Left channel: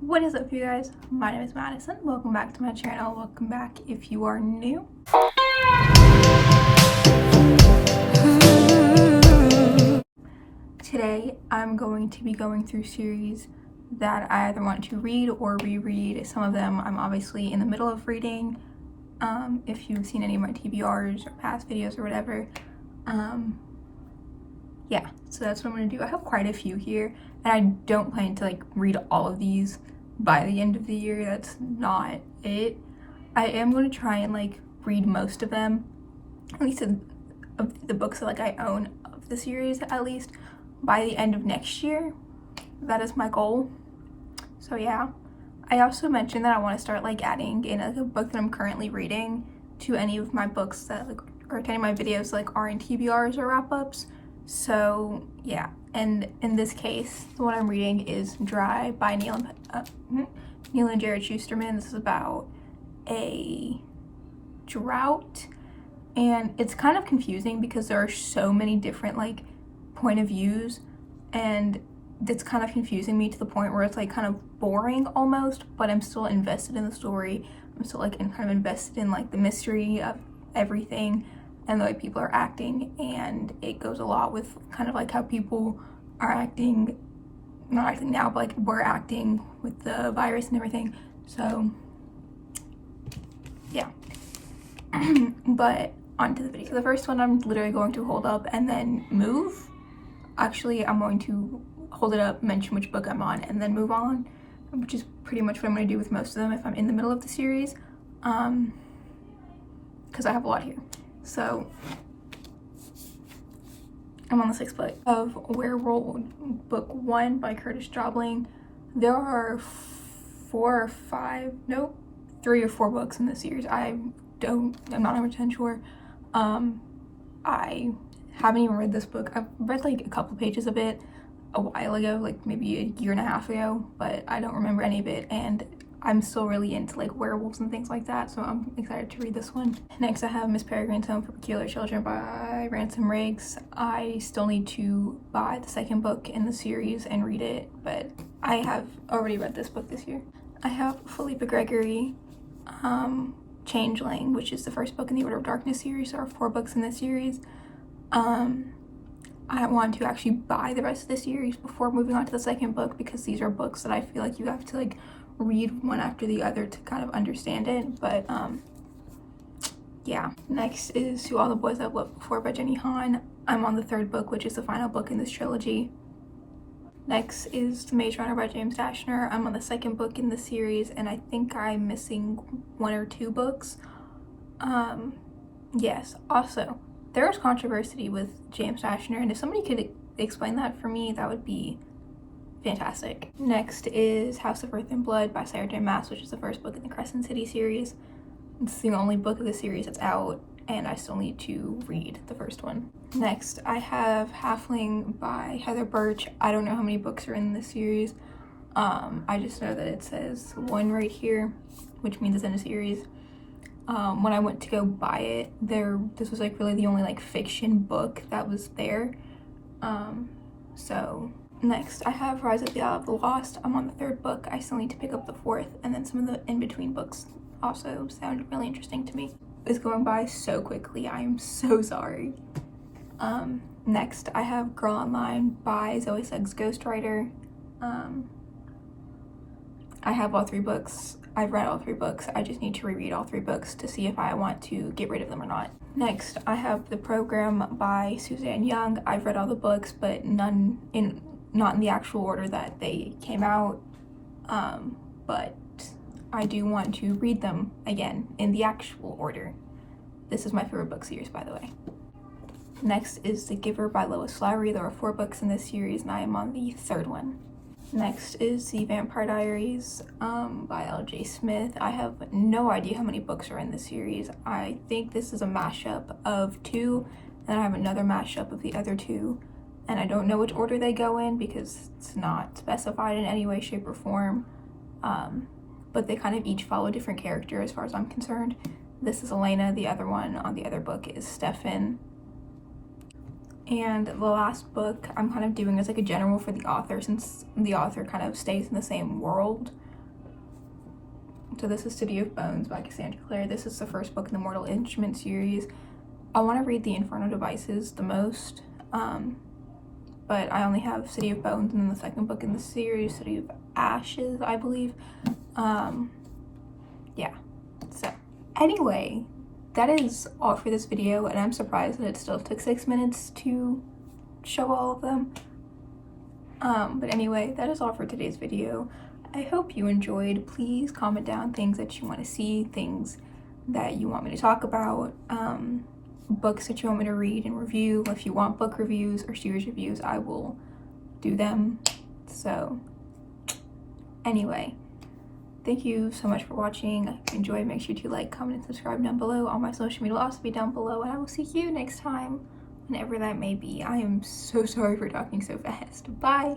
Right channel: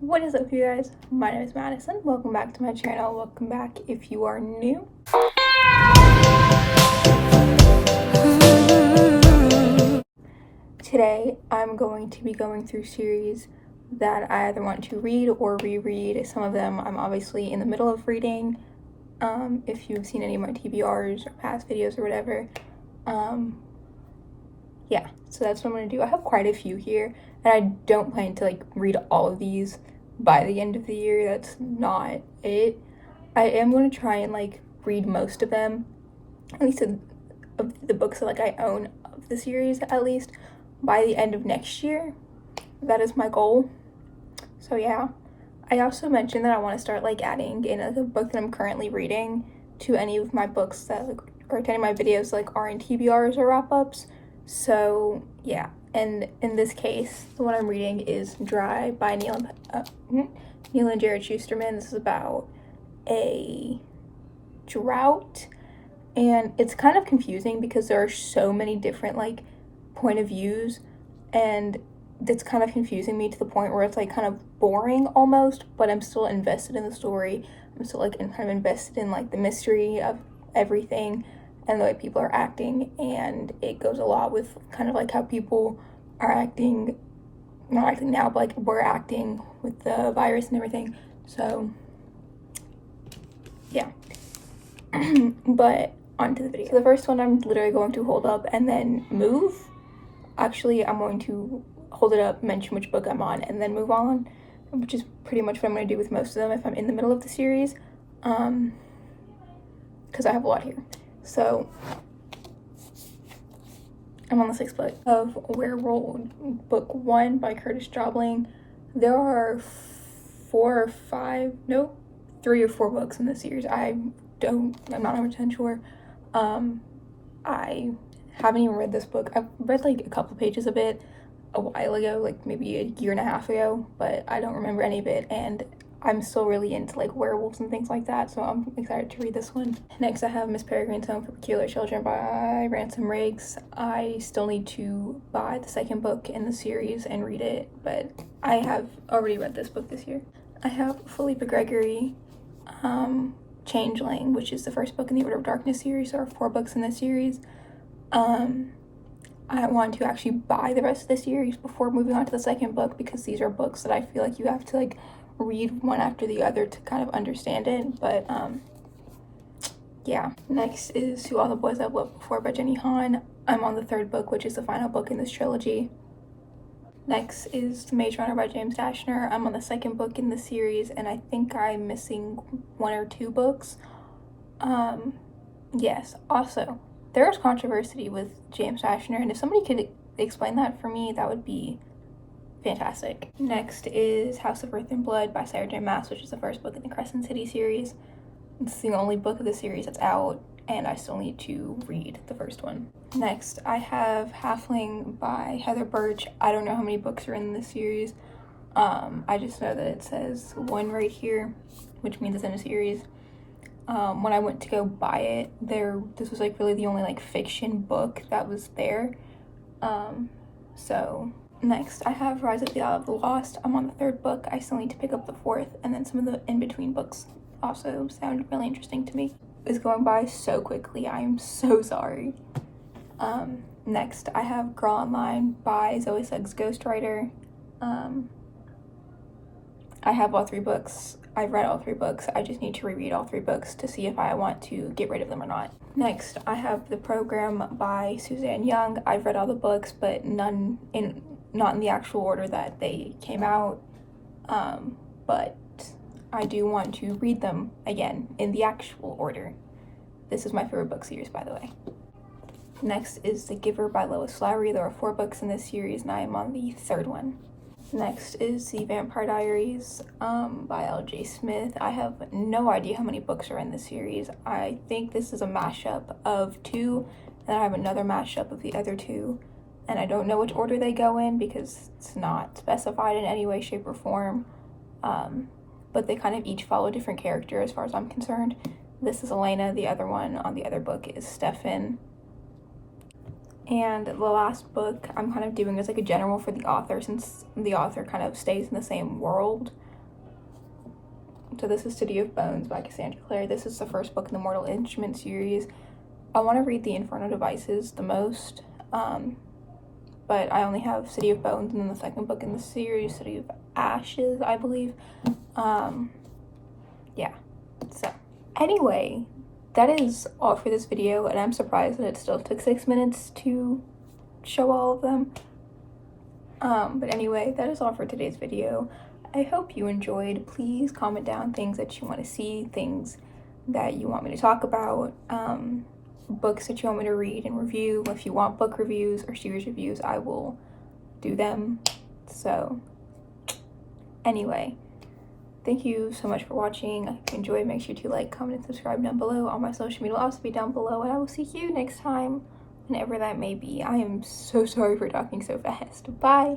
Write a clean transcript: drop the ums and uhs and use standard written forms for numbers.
What is up, you guys? My name is Madison. Welcome back to my channel. Welcome back if you are new. Today I'm going to be going through series that I either want to read or reread. Some of them I'm obviously in the middle of reading. If you've seen any of my TBRs or past videos or whatever. Yeah, so that's what I'm going to do. I have quite a few here, and I don't plan to read all of these by the end of the year. That's not it. I am going to try and read most of them, at least of the books that I own of the series, at least by the end of next year. That is my goal. So yeah, I also mentioned that I want to start adding in a book that I'm currently reading to any of my books that or to any of my videos are in TBRs or wrap-ups. So yeah, and in this case, the one I'm reading is Dry by Neil and Jared Shusterman. This is about a drought, and it's kind of confusing because there are so many different point of views, and it's kind of confusing me to the point where it's kind of boring almost, but I'm still invested in the story. I'm still kind of invested in the mystery of everything and the way people are acting, and it goes a lot with kind of how people are acting, not acting now, but we're acting with the virus and everything. So yeah. But on to the video. So the first one I'm literally going to hold up and then move. Actually, I'm going to hold it up, mention which book I'm on, and then move on, which is pretty much what I'm going to do with most of them if I'm in the middle of the series, because I have a lot here. So I'm on the 6th book of Werewolf, book 1 by Curtis Jobling. There are 3 or 4 books in this series. I'm not 100% sure. I haven't even read this book. I've read a couple pages of it a while ago, maybe a year and a half ago, but I don't remember any of it, and I'm still really into werewolves and things like that, so I'm excited to read this one. Next I have Miss Peregrine's Home for Peculiar Children by Ransom Riggs. I still need to buy the 2nd book in the series and read it, but I have already read this book this year. I have Philippa Gregory, Changeling, which is the 1st book in the Order of Darkness series. There are 4 books in this series. I want to actually buy the rest of the series before moving on to the 2nd book, because these are books that I feel you have to read one after the other to kind of understand it. But yeah. Next is To All the Boys I've Loved Before by Jenny Han. I'm on the 3rd book, which is the final book in this trilogy. Next is The Maze Runner by James Dashner. I'm on the 2nd book in the series, and I think I'm missing 1 or 2 books. Yes, also there is controversy with James Dashner, and if somebody could explain that for me, that would be fantastic. Next is House of Earth and Blood by Sarah J. Maas, which is the 1st book in the Crescent City series. It's the only book of the series that's out, and I still need to read the 1st one. Next, I have Halfling by Heather Birch. I don't know how many books are in this series. I just know that it says 1 right here, which means it's in a series. When I went to go buy it, this was really the only fiction book that was there. So next I have Rise of the Isle of the Lost. I'm on the 3rd book. I still need to pick up the 4th, and then some of the in-between books also sound really interesting to me. It's going by so quickly. I am so sorry. Next I have Girl Online by Zoe Suggs Ghostwriter. I have all 3 books. I've read all 3 books. I just need to reread all 3 books to see if I want to get rid of them or not. Next, I have The Program by Suzanne Young. I've read all the books, but not in the actual order that they came out. But I do want to read them again in the actual order. This is my favorite book series, by the way. Next is The Giver by Lois Lowry. There are 4 books in this series, and I am on the 3rd one. Next is The Vampire Diaries by L.J. Smith. I have no idea how many books are in this series. I think this is a mashup of 2, and I have another mashup of the other 2, and I don't know which order they go in because it's not specified in any way, shape, or form. But they kind of each follow a different character as far as I'm concerned. This is Elena. The other one on the other book is Stefan. And the last book I'm kind of doing as a general for the author, since the author kind of stays in the same world. So this is City of Bones by Cassandra Clare. This is the first book in the Mortal Instrument series. I want to read the Infernal Devices the most, but I only have City of Bones and then the second book in the series, City of Ashes, I believe. Yeah, so anyway, that is all for this video, and I'm surprised that it still took 6 minutes to show all of them. But anyway, that is all for today's video. I hope you enjoyed. Please comment down things that you want to see, things that you want me to talk about, books that you want me to read and review. If you want book reviews or series reviews, I will do them. So anyway, thank you so much for watching. If you enjoyed, make sure to like, comment, and subscribe down below. All my social media will also be down below, and I will see you next time, whenever that may be. I am so sorry for talking so fast. Bye.